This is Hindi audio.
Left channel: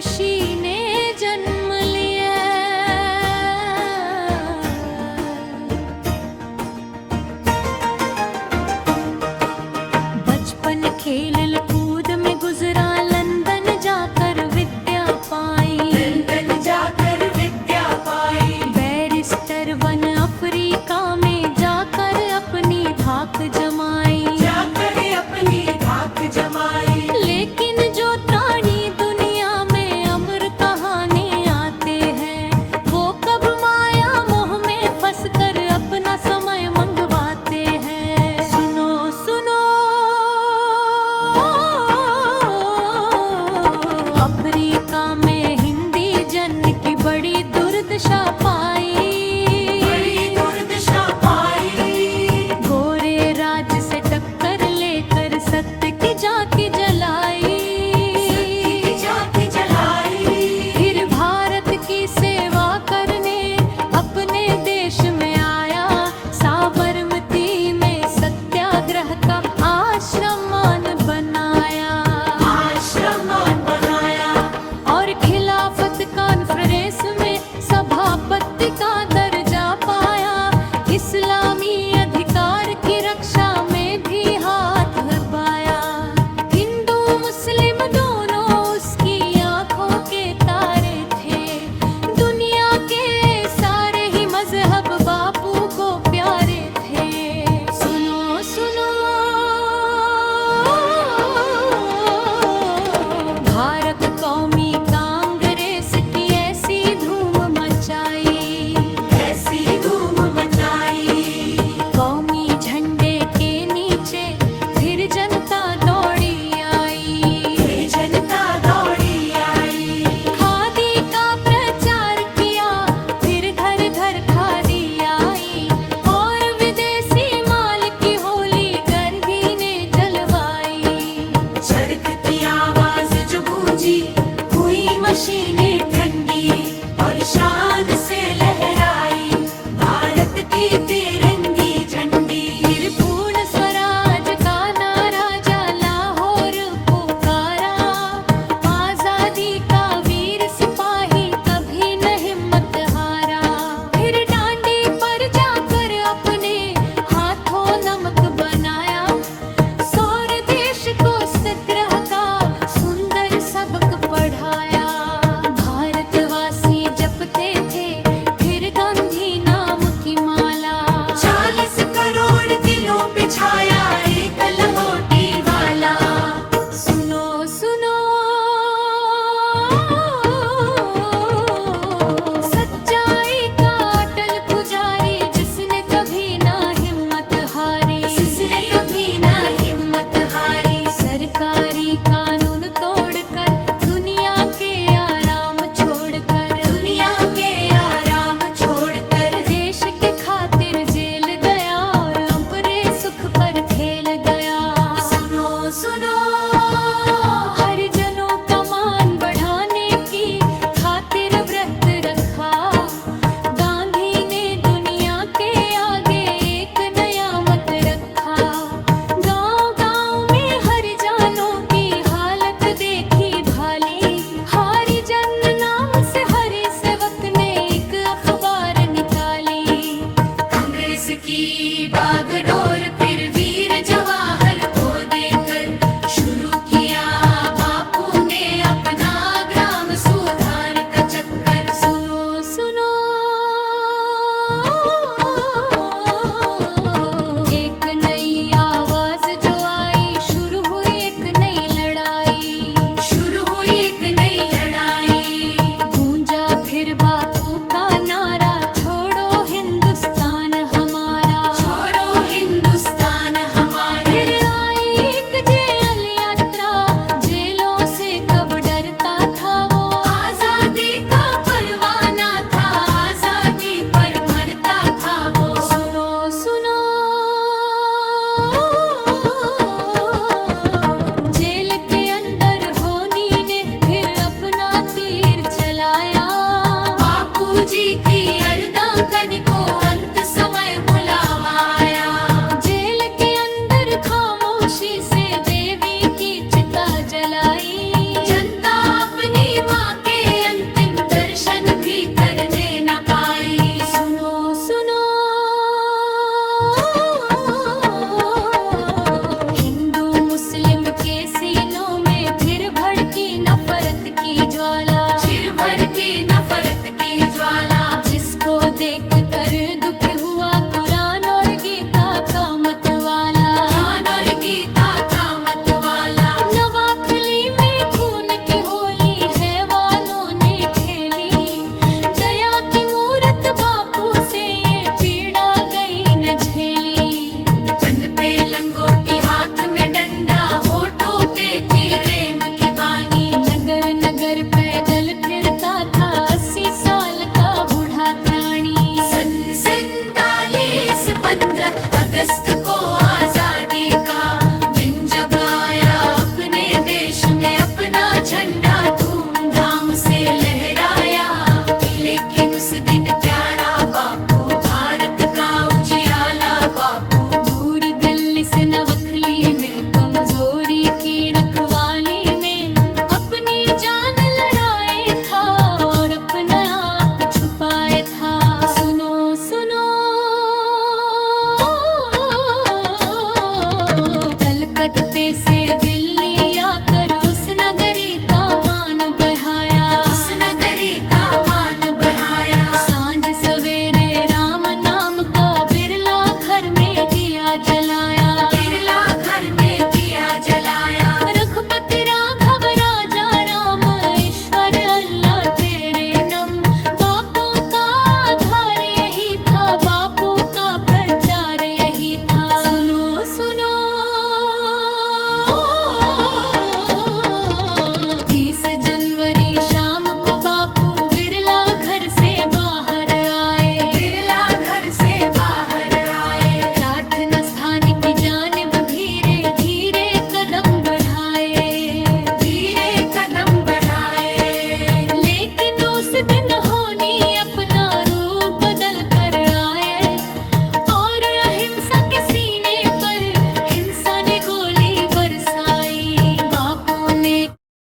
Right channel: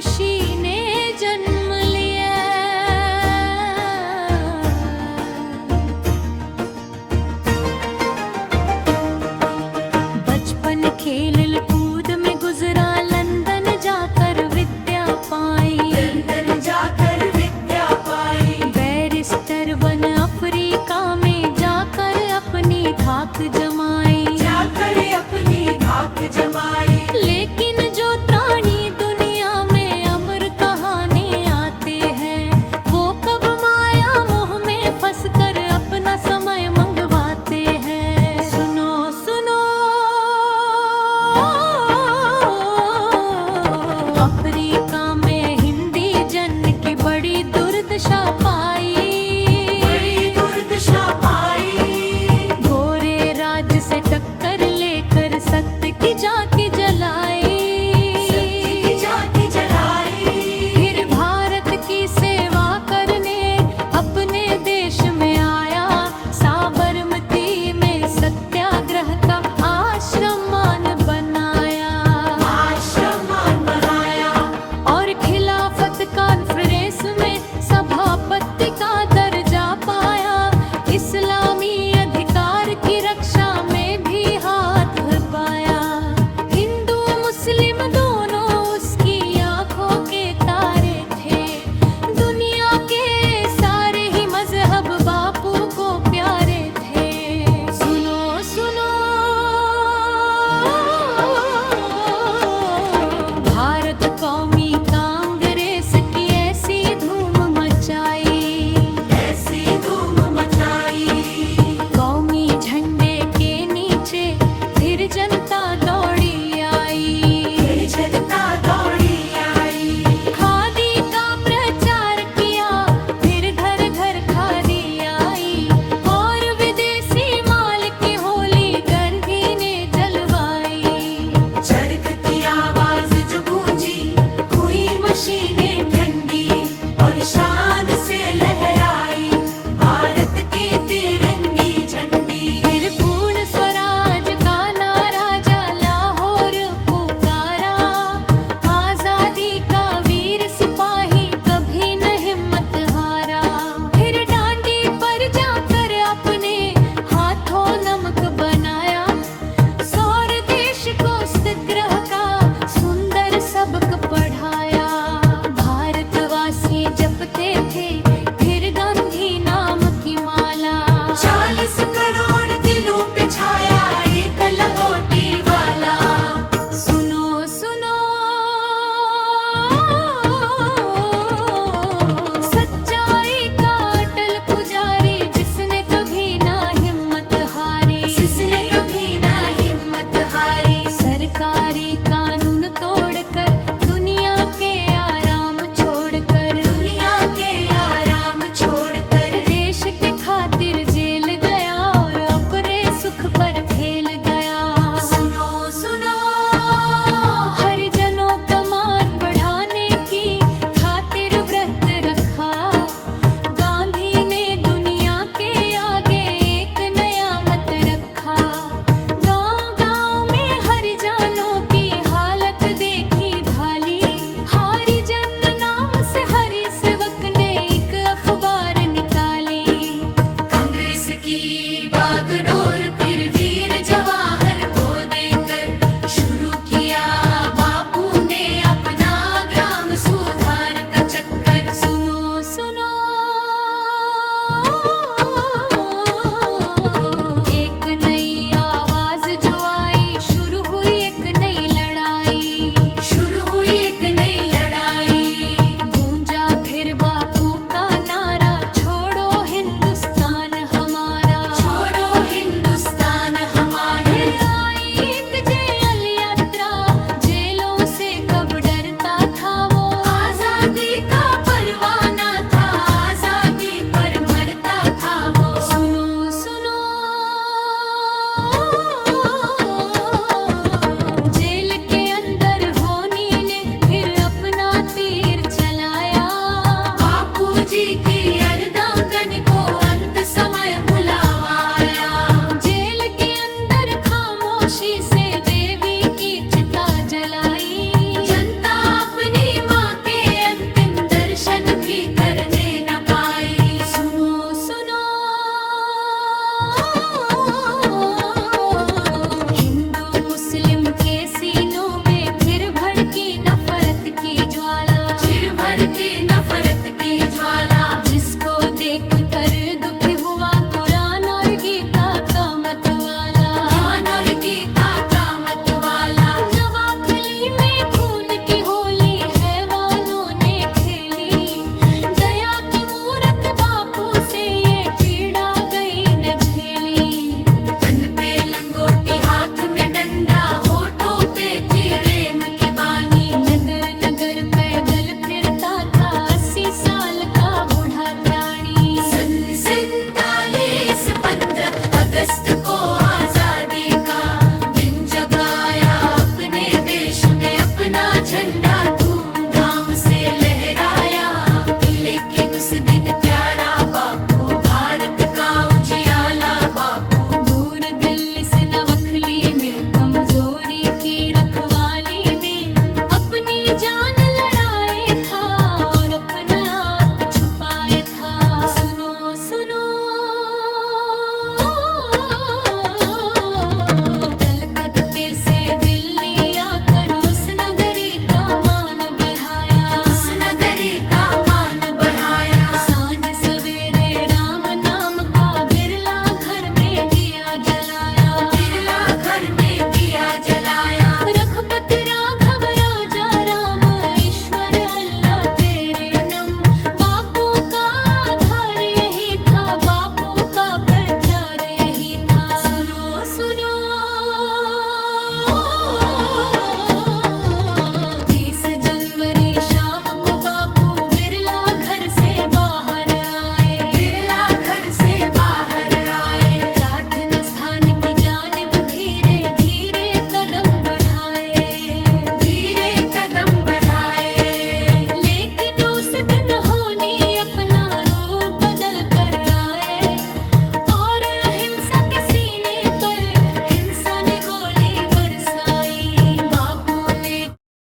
ऋषि ने जन्म लिया। बचपन खेल कूद में गुजरा, लंदन जाकर विद्या पाई। लंदन जाकर विद्या पाई। बैरिस्टर बन अफ्रीका में जाकर अपनी धाक जमाई। जाकर अपनी धाक जमाई। लेकिन जो प्राणी दुनिया में अमर कहानी आते हैं, वो कब माया मोह में फंसकर अपना समय मंगवाते हैं। सुनो सुनो, अफ्रीका में हिंदी जन की बड़ी दुर्दशा पाई। बड़ी दुर्दशा पाई। गोरे राज से टक्कर लेकर सत्य की झांकी जलाई। जाके जलाई। फिर भारत की सेवा करने अपने देश में आया। साबरमती में सत्याग्रह का आश्रम बनाया। आश्रम बनाया। और खिलाफत कॉन्फ्रेंस में सभापति का दर्जा पाया। इस्लामी अधिकार की रक्षा में भी हाथ पाया। हिंदू मुस्लिम दोनों उसकी आंखों के तारे थे। दुनिया के सारे ही मजहब बापू को प्यारे थे। सुनो सुनो, भारत कौमी कांग्रेस की ऐसी धूम मचाई। ऐसी धूम मचाई। कौमी झंडे के नीचे फिर जनता दौड़ी आई। जनता दौड़ी आई। खादी का प्रचार किया, फिर घर घर खादी आई। और विदेशी माल की होली गर्गी ने जलवाई। चरख की आवाज जो गूंजी, हुई मशीनें ठंडी और शान से लहराई भारत की तिरंगी झंडी। फिर पूर्ण स्वराज का नारा जा लाहौर पुकारा। आजादी का वीर सिपाही कभी न हिम्मत हारा। फिर डांडी पर जाकर अपने हाथों नमक बनाया। सौर देश को सत्याग्रह का सुंदर सबक पढ़ाया। भारतवासी जपते थे फिर गांधी नाम की माला। 40 करोड़ दिलों पे छाया एक लंगोटी वाला। सुनो सुनो, सच्चाई का अटल पुजारी जिसने कभी ना हिम्मत हारी। जिसने कभी ना हिम्मत हारी। सरकारी कानून तोड़कर दुनिया के आराम छोड़कर। दुनिया के आराम छोड़कर देश के खातिर जेल गया और अपने सुख पर खेल गया। सुनो सुनो, हरिजनों का मान बढ़ाने की खातिर व्रत रखा। गांधी ने दुनिया के आगे एक नया मत रखा। गांव गांव में हरिजनों की हालत देखी भाली। हरिजन नाम से हरि सेवक ने एक अखबार निकाली। कांग्रेस की बागडोर फिर वीर जवाहर को देकर शुरू किया बापू ने अपना ग्राम सुधार का चक्कर। सुनो सुनो, एक नई आवाज जो आई, शुरू हुई एक नई लड़ाई। शुरू हुई एक नई लड़ाई। गूंजा फिर बापू का नारा, छोड़ो हिंदुस्तान हमारा। छोड़ो हिंदुस्तान हमारा। फिर आई एक जेल यात्रा, जेलों से कब डरता था वो। आजादी का परवाना था, आजादी पर मरता था वो। सुनो सुनो, जेल के अंदर होनी ने फिर अपना तीर चलाया। बापूजी की अर्धांगन को अंत समय बुलावा आया। जेल के अंदर खामोशी से देवी की चिता जलाई। जनता अपनी माँ की ज्वाला, चिर भर की नफरत की ज्वाला, जिसको देख कर दुख हुआ कुरान और गीता का मतवाला। ज्ञान और गीता का मतवाला। नवाखली में खून की होली हैवानों ने खेली, दया की मूरत बापू से ये पीड़ा गई न झेली। चंद पे लंगोटी हाथ में डंडा, होठों पे थी प्रेम की बानी। नगर नगर पैदल फिरता था 80 साल का बूढ़ा त्राणी। सन 47 15 अगस्त